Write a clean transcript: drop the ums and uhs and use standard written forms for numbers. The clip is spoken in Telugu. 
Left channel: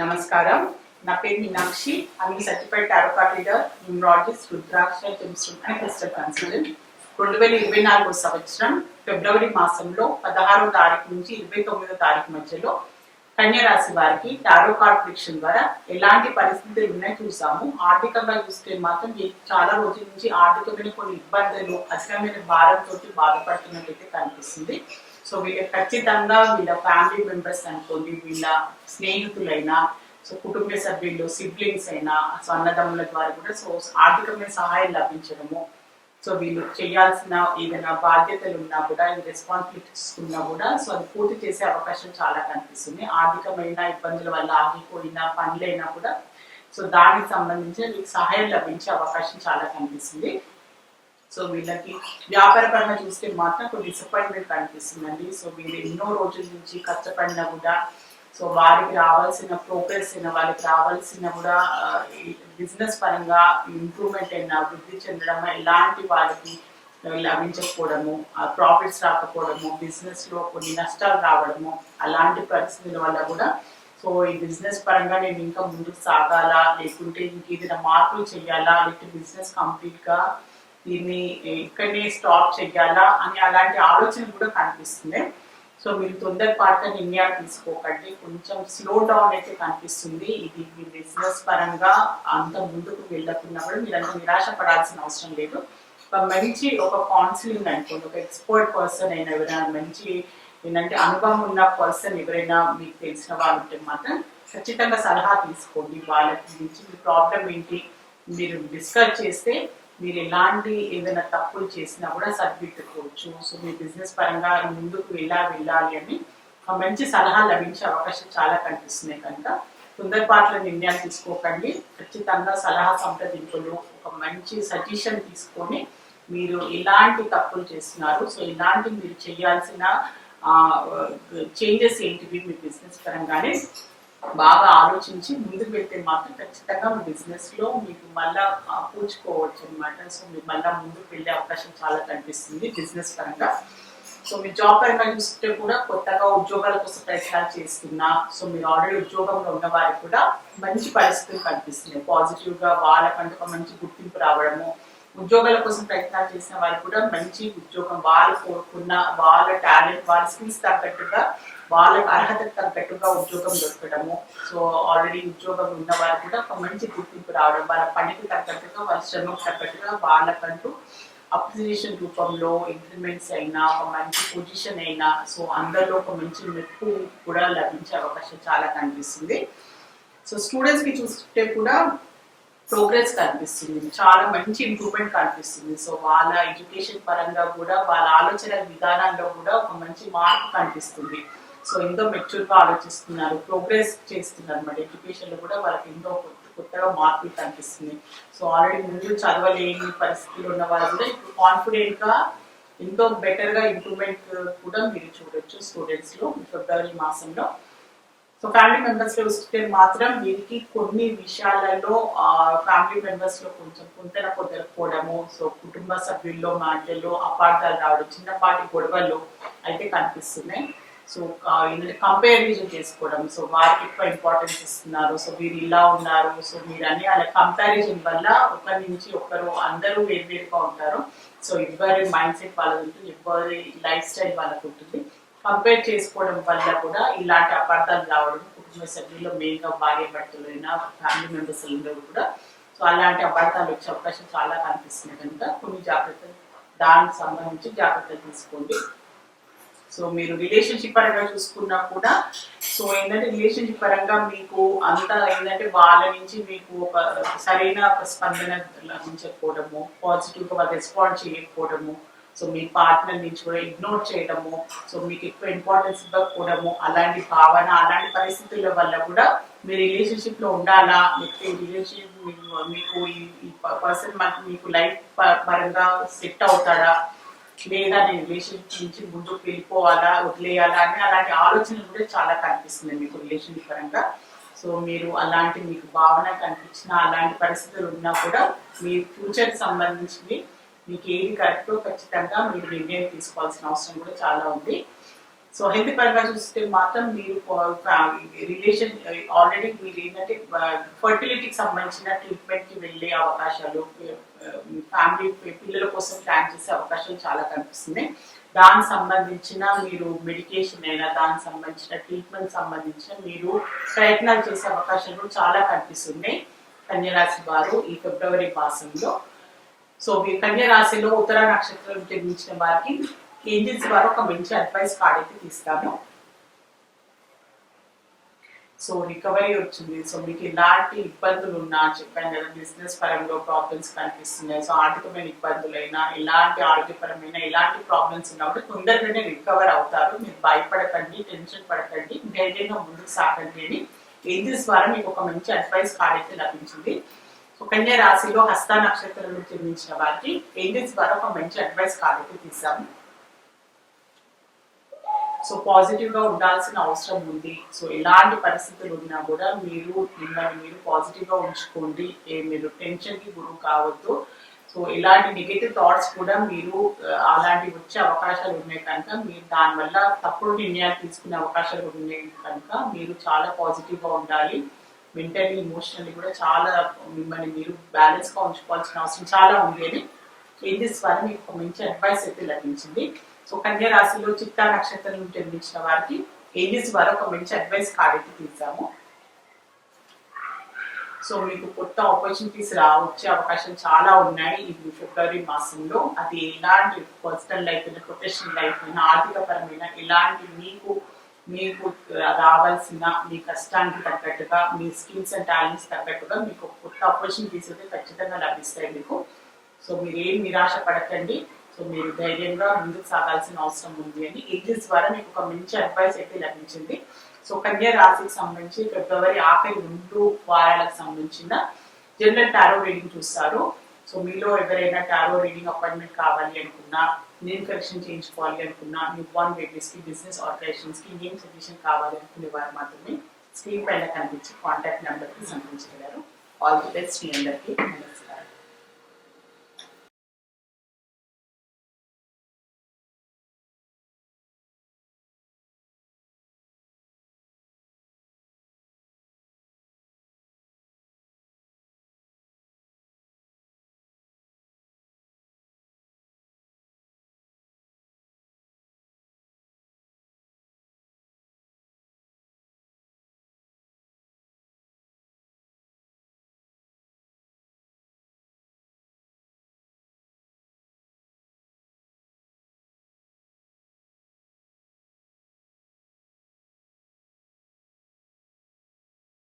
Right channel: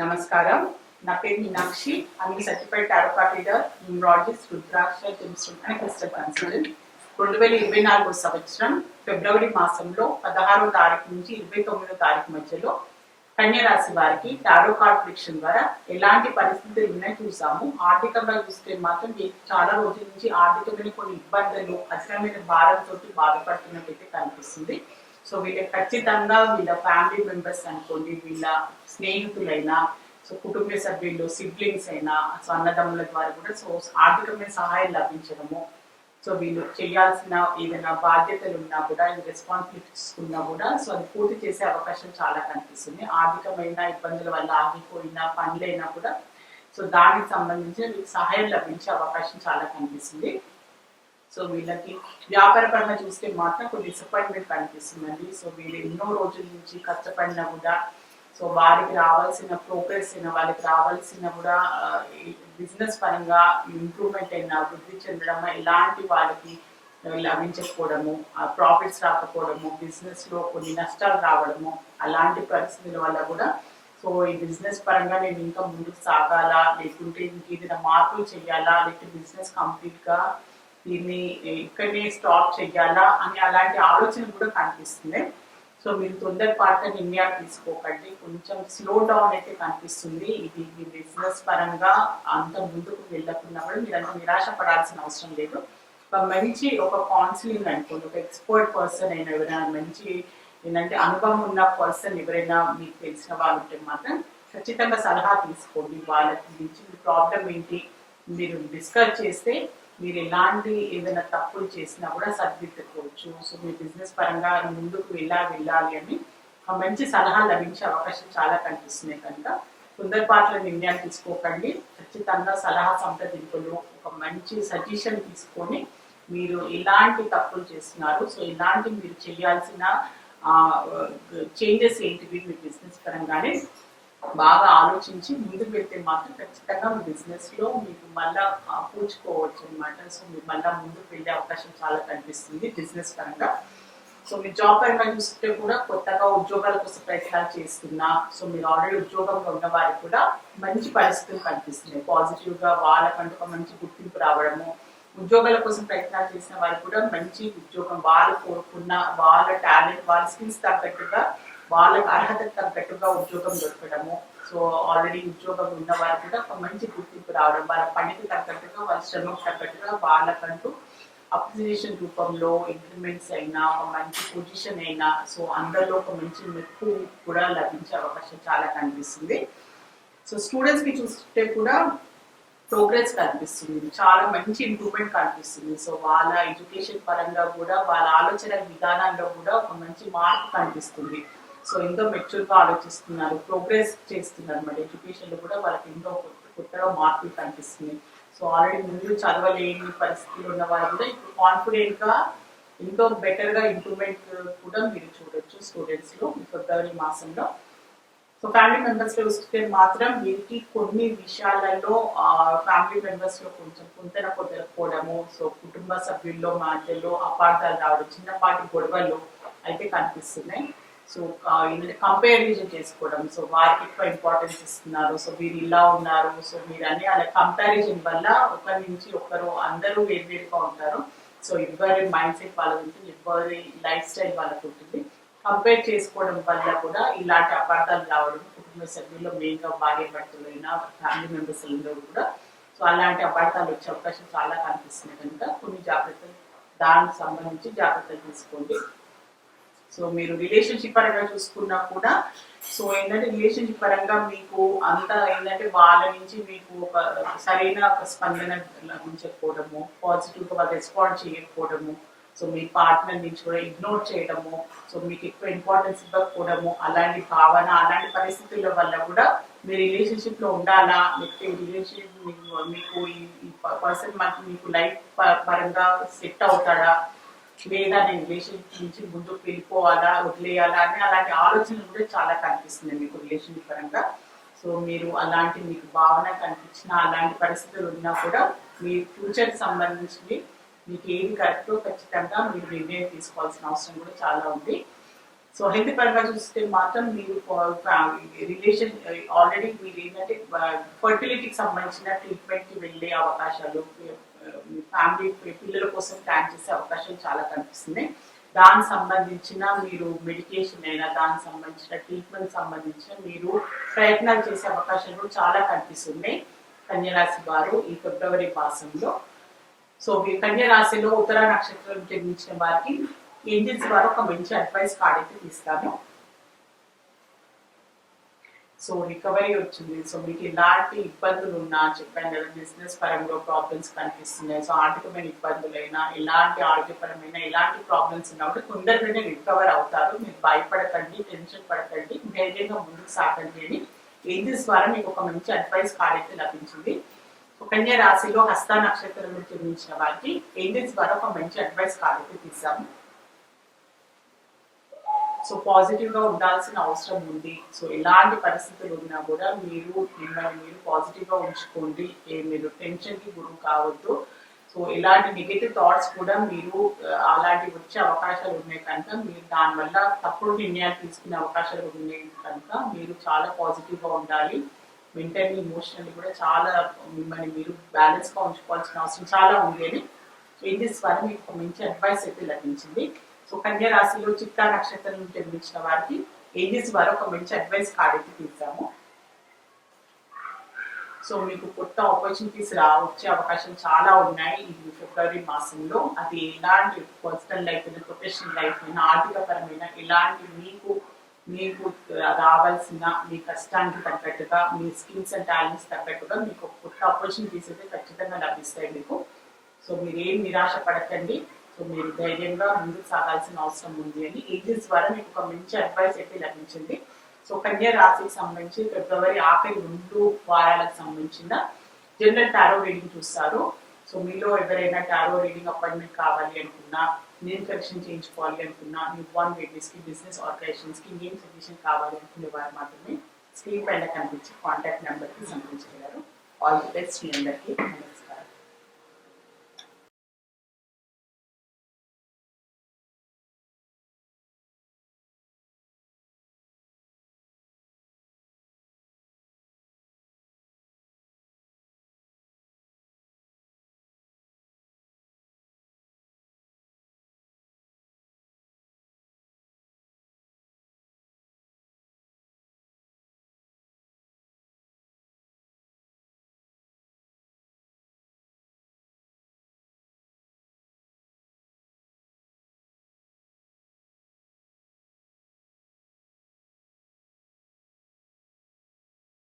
నమస్కారం. నా పేరు Meenakshi. I'm certified tarot card reader, numerologist, rudraksha, gemstone and crystal consultant. 2024 సంవత్సరం ఫిబ్రవరి మాసంలో 16వ తారీఖు నుంచి 29వ తారీఖు మధ్యలో కన్య రాశి వారికి టారో కార్డ్ ప్రిడిక్షన్ ద్వారా ఎలాంటి పరిస్థితులు ఉన్నాయో చూసాము. ఆర్థికంగా చూస్తే మాత్రం చాలా రోజుల నుంచి ఆర్థికమైన కొన్ని ఇబ్బందులు, అధికమైన భారంతో బాధపడుతున్నట్లయితే కనిపిస్తుంది. సో వీళ్ళకి ఖచ్చితంగా వీళ్ళ ఫ్యామిలీ మెంబర్స్ అనుకోండి, వీళ్ళ స్నేహితులైనా, సో కుటుంబ సభ్యులు, సిబ్లింగ్స్ అయినా, సో అన్నదమ్ముల ద్వారా కూడా సో ఆర్థికమైన సహాయం లభించడము, సో వీళ్ళు చేయాల్సిన ఏదైనా బాధ్యతలు ఉన్నా కూడా, రెస్పాన్సిబిలిటీస్ ఉన్నా కూడా సో అది పూర్తి చేసే అవకాశం చాలా కనిపిస్తుంది. ఆర్థికమైన ఇబ్బందుల వల్ల ఆగిపోయిన పనులైనా కూడా సో దానికి సంబంధించి వీళ్ళకి సహాయం లభించే అవకాశం చాలా కనిపిస్తుంది. సో వీళ్ళకి వ్యాపారపరంగా చూస్తే మాత్రం కొన్ని డిసప్పాయింట్మెంట్ కనిపిస్తుందండి. సో వీళ్ళు ఎన్నో రోజుల నుంచి కష్టపడినా కూడా సో వారికి రావాల్సిన ప్రోగ్రెస్ అయినా, వాళ్ళకి రావాల్సిన కూడా బిజినెస్ పరంగా ఇంప్రూవ్మెంట్ అయినా, వృద్ధి చెందడం, ఎలాంటి వాళ్ళకి లభించకపోవడము, ప్రాఫిట్స్ రాకపోవడము, బిజినెస్లో కొన్ని నష్టాలు రావడము, అలాంటి పరిస్థితుల వల్ల కూడా సో ఈ బిజినెస్ పరంగా నేను ఇంకా ముందుకు సాగాలా, లేకుంటే ఇంకేదైనా మార్పులు చేయాలా, లేకపోతే బిజినెస్ కంప్లీట్గా దీన్ని ఇక్కడనే స్టాప్ చెయ్యాలా అని అలాంటి ఆలోచన కూడా కనిపిస్తుంది. సో మీరు తొందరపాటుగా నిర్ణయాలు తీసుకోకండి, కొంచెం స్లో డౌన్ అయితే కనిపిస్తుంది. ఇది మీ బిజినెస్ పరంగా అంత ముందుకు వెళ్ళకున్నా కూడా మీరు అంత నిరాశ పడాల్సిన అవసరం లేదు. ఒక కౌన్సిలింగ్ అనుకోండి, ఒక ఎక్స్పర్ట్ పర్సన్ అయినా, ఎవరైనా మంచి ఏంటంటే అనుభవం ఉన్న పర్సన్ ఎవరైనా మీకు తెలిసిన వాళ్ళు ఉంటే మాత్రం ఖచ్చితంగా సలహా తీసుకోండి. వాళ్ళకి గురించి మీ ప్రాబ్లం ఏంటి మీరు డిస్కస్ చేస్తే మీరు ఎలాంటి ఏదైనా తప్పులు చేసినా కూడా సరిదిద్దుకోవచ్చు. సో మీ బిజినెస్ పరంగా ముందుకు వెళ్ళాలి అని మంచి సలహా లభించే అవకాశం చాలా కనిపిస్తున్నాయి. కనుక తొందరపాట్ల నిర్ణయాలు తీసుకోకండి. ఖచ్చితంగా సలహా సంప్రదింపులు, ఒక మంచి సజెషన్ తీసుకొని మీరు ఎలాంటి తప్పులు చేస్తున్నారు, సో ఎలాంటి మీరు చేయాల్సిన చేంజెస్ ఏంటివి మీ బిజినెస్ పరంగానే బాగా ఆలోచించి ముందుకు వెళ్తే మాత్రం ఖచ్చితంగా మీ బిజినెస్లో మీకు మళ్ళా పూచుకోవచ్చు అనమాట. సో మీరు మళ్ళీ ముందుకు వెళ్ళే అవకాశం చాలా కనిపిస్తుంది బిజినెస్ పరంగా. సో మీ జాబ్ పరంగా చూస్తే కూడా కొత్తగా ఉద్యోగాల కోసం ప్రయత్నాలు చేస్తున్నా, సో మీరు ఆల్రెడీ ఉద్యోగంలో ఉన్న వారికి కూడా మంచి పరిస్థితులు కనిపిస్తున్నాయి. పాజిటివ్గా వాళ్ళకంటూ ఒక మంచి గుర్తింపు రావడము, ఉద్యోగాల కోసం ప్రయత్నాలు చేసిన వారికి కూడా మంచి ఉద్యోగం, వాళ్ళు కోరుకున్న వాళ్ళ టాలెంట్, వాళ్ళ స్కిల్స్ తగ్గట్టుగా, వాళ్ళకి అర్హతకు తగ్గట్టుగా ఉద్యోగం దొరకడము, సో ఆల్రెడీ ఉద్యోగం ఉన్న వారికి కూడా ఒక మంచి గుర్తింపు రావడం, వాళ్ళ పనికి తగ్గట్టుగా, వాళ్ళ శ్రమకు తగ్గట్టుగా వాళ్ళకంటూ అప్రిసియేషన్ రూపంలో ఇంక్రిమెంట్స్ అయినా, ఒక మంచి పొజిషన్ అయినా, సో అందరిలో ఒక మంచి మెప్పు కూడా లభించే అవకాశం చాలా కనిపిస్తుంది. సో స్టూడెంట్స్కి చూస్తే కూడా ప్రోగ్రెస్ కనిపిస్తుంది, చాలా మంచి ఇంప్రూవ్మెంట్ కనిపిస్తుంది. సో వాళ్ళ ఎడ్యుకేషన్ పరంగా కూడా, వాళ్ళ ఆలోచన విధానంలో కూడా ఒక మంచి మార్పు కనిపిస్తుంది. సో ఎంతో మెచ్యూర్గా ఆలోచిస్తున్నారు, ప్రోగ్రెస్ చేస్తున్నారు అన్నమాట. ఎడ్యుకేషన్లో కూడా వాళ్ళకి ఎంతో కొత్తగా మార్పులు కనిపిస్తుంది. సో ఆల్రెడీ ముందు చదవలేని పరిస్థితులు ఉన్న వాళ్ళు కూడా ఇప్పుడు కాన్ఫిడెంట్గా ఎంతో బెటర్గా ఇంప్రూవ్మెంట్ కూడా మీరు చూడొచ్చు స్టూడెంట్స్లో ఫిబ్రవరి మాసంలో. సో ఫ్యామిలీ మెంబర్స్లో చూస్తే మాత్రం వీరికి కొన్ని విషయాలలో ఫ్యామిలీ మెంబర్స్లో కొంచెం పొంతన కుదరకపోవడము, సో కుటుంబ సభ్యుల్లో మధ్యలో అపార్థాలు రావడం, చిన్నపాటి గొడవలు అయితే కనిపిస్తున్నాయి. సో ఏంటంటే కంపారిజన్ చేసుకోవడం, సో వారికి ఎక్కువ ఇంపార్టెన్స్ ఇస్తున్నారు, సో వీరు ఇలా ఉన్నారు, సో మీరు అన్ని అలా కంపారిజన్ వల్ల ఒకరి నుంచి ఒకరు అందరూ వేరువేరుగా ఉంటారు. సో ఎవరి మైండ్ సెట్ వాళ్ళది ఉంటుంది, ఎవరి లైఫ్ స్టైల్ వాళ్ళకు ఉంటుంది. కంపేర్ చేసుకోవడం వల్ల కూడా ఇలాంటి అపార్థాలు రావడం, కుటుంబ సభ్యుల్లో మెయిన్గా భార్య భర్తలైనా, ఫ్యామిలీ మెంబర్స్ కూడా సో అలాంటి అపార్థాలు వచ్చే అవకాశం చాలా కనిపిస్తుంది. కనుక కొన్ని జాగ్రత్తలు, దానికి సంబంధించి జాగ్రత్తలు తీసుకోండి. సో మీరు రిలేషన్షిప్ పరంగా చూసుకున్నా కూడా సో ఏంటంటే రిలేషన్షిప్ పరంగా మీకు అంత ఏంటంటే వాళ్ళ నుంచి మీకు ఒక సరైన ఒక స్పందన లభించకపోవడము, పాజిటివ్గా వాళ్ళు రెస్పాండ్ చేయకపోవడము, సో మీ పార్ట్నర్ నుంచి కూడా ఇగ్నోర్ చేయడము, సో మీకు ఎక్కువ ఇంపార్టెన్స్ ఇవ్వకపోవడము, అలాంటి భావన, అలాంటి పరిస్థితుల వల్ల కూడా మీ రిలేషన్షిప్లో ఉండాలా, లేకపోతే రిలేషన్షిప్ మీకు ఈ పర్సన్ మీకు లైఫ్ పరంగా సెట్ అవుతాడా, లేదా నేను రిలేషన్షిప్ నుంచి ముందుకు వెళ్ళిపోవాలా, వదిలేయాలా అని అలాంటి ఆలోచనలు కూడా చాలా కనిపిస్తుంది మీకు రిలేషన్షిప్ పరంగా. సో మీరు అలాంటి మీకు భావన కనిపించిన అలాంటి పరిస్థితులు ఉన్నా కూడా మీ ఫ్యూచర్కి సంబంధించి మీకు ఏది కరెక్టో ఖచ్చితంగా మీరు నిర్ణయం తీసుకోవాల్సిన అవసరం కూడా చాలా ఉంది. సో హెల్త్ పరంగా చూస్తే మాత్రం మీరు రిలేషన్ ఆల్రెడీ మీరు ఏంటంటే ఫర్టిలిటీకి సంబంధించిన ట్రీట్మెంట్కి వెళ్ళే అవకాశాలు, మీ ఫ్యామిలీ పిల్లల కోసం ప్లాన్ చేసే అవకాశాలు చాలా కనిపిస్తున్నాయి. దానికి సంబంధించిన మీరు మెడికేషన్ అయినా దానికి సంబంధించిన ట్రీట్మెంట్ సంబంధించిన మీరు ప్రయత్నాలు చేసే అవకాశాలు కూడా చాలా కనిపిస్తున్నాయి కన్యరాశి వారు ఈ ఫిబ్రవరి మాసంలో. సో మీ కన్యరాశిలో ఉత్తర నక్షత్రం జన్మించిన వారికి ఏంజల్స్ వారు ఒక మంచి అడ్వైస్ కార్డ్ అయితే తీస్తాను. సో రికవరీ వచ్చింది. సో మీకు ఎలాంటి ఇబ్బందులు ఉన్నా చెప్పాను కదా, బిజినెస్ పరంగా ప్రాబ్లమ్స్ కనిపిస్తున్నాయి. సో ఆర్థికమైన ఇబ్బందులైనా ఎలాంటి ఆరోగ్యపరమైన ఎలాంటి ప్రాబ్లమ్స్ ఉన్నా కూడా తొందరగానే రికవర్ అవుతారు. మీరు భయపడకండి, టెన్షన్ పడకండి, ధైర్యంగా ముందుకు సాగండి అని ఏంజల్స్ ద్వారా మీకు ఒక మంచి అడ్వైస్ కార్డ్ అయితే లభించింది. సో కన్యా రాశిలో హస్త నక్షత్రంలో జన్మించిన వారికి ఏంజల్స్ ద్వారా ఒక మంచి అడ్వైస్ కార్డ్ అయితే తీసాము. సో పాజిటివ్ గా ఉండాల్సిన అవసరం ఉంది. సో ఎలాంటి పరిస్థితులు ఉన్నా కూడా మీరు మిమ్మల్ని మీరు పాజిటివ్ గా ఉంచుకోండి. మీరు టెన్షన్ కి గురి కావద్దు. సో ఇలాంటి నెగటివ్ థాట్స్ కూడా మీరు అలాంటివి వచ్చే అవకాశాలు ఉన్నాయి కనుక మీరు దానివల్ల తప్పుడు నిర్ణయాలు తీసుకునే అవకాశాలు ఉన్నాయి కనుక మీరు చాలా పాజిటివ్ గా ఉండాలి. మెంటల్లీ ఇమోషనల్లీ కూడా చాలా మిమ్మల్ని మీరు బ్యాలెన్స్ గా ఉంచుకోవాల్సిన అవసరం చాలా ఉంది అని ఏంజల్స్ ద్వారా మీకు ఒక మంచి అడ్వైస్ అయితే లభించింది. సో కన్యా రాశిలో చిత్తా నక్షత్రం జన్మించిన వారికి ఏంజల్స్ ద్వారా ఒక మంచి అడ్వైస్ కార్డ్ అయితే తీసాము. సో మీకు కొత్త ఆపర్చునిటీస్ వచ్చే అవకాశాలు చాలా ఉన్నాయి ఈ ఫిబ్రవరి మాసంలో. అది ఎలాంటి పర్సనల్ లైఫ్ అయినా, ప్రొఫెషనల్ లైఫ్ అయినా, ఆర్థిక పరమైన ఎలాంటి మీకు రావాల్సిన మీ కష్టానికి తగ్గట్టుగా, మీ స్కిల్స్ అండ్ టాలెంట్స్ తగ్గట్టుగా మీకు కొత్త ఆపర్చునిటీస్ అయితే ఖచ్చితంగా లభిస్తాయి మీకు. సో మీరు ఏం నిరాశ పడకండి. సో మీరు ధైర్యంగా ముందుకు సాగాల్సిన అవసరం ఉంది అని ఏంజల్స్ ద్వారా మీకు ఒక మంచి అడ్వైస్ అయితే లభించింది. సో కన్యా రాశికి సంబంధించి ఫిబ్రవరి ఆఖరి 2 వారాలకు సంబంధించిన జనరల్ టారో రీడింగ్ చూస్తారు. సో మీలో ఎవరైనా టారో రీడింగ్ అపాయింట్మెంట్ కావాలి అనుకున్నా, నేమ్ కరెక్షన్ చేయించుకోవాలి అనుకున్నా, న్యూ బార్న్ బేబీస్ కి, బిజినెస్ ఆర్గనైజేషన్స్ కి నేమ్ సజెషన్ కావాలి అనుకునే వారు మాత్రమే స్క్రీన్ పైన కనిపించే కాంటాక్ట్ నెంబర్ కి సంప్రదించగలరు. ఆల్ ది బెస్ట్ మీ అందరికీ.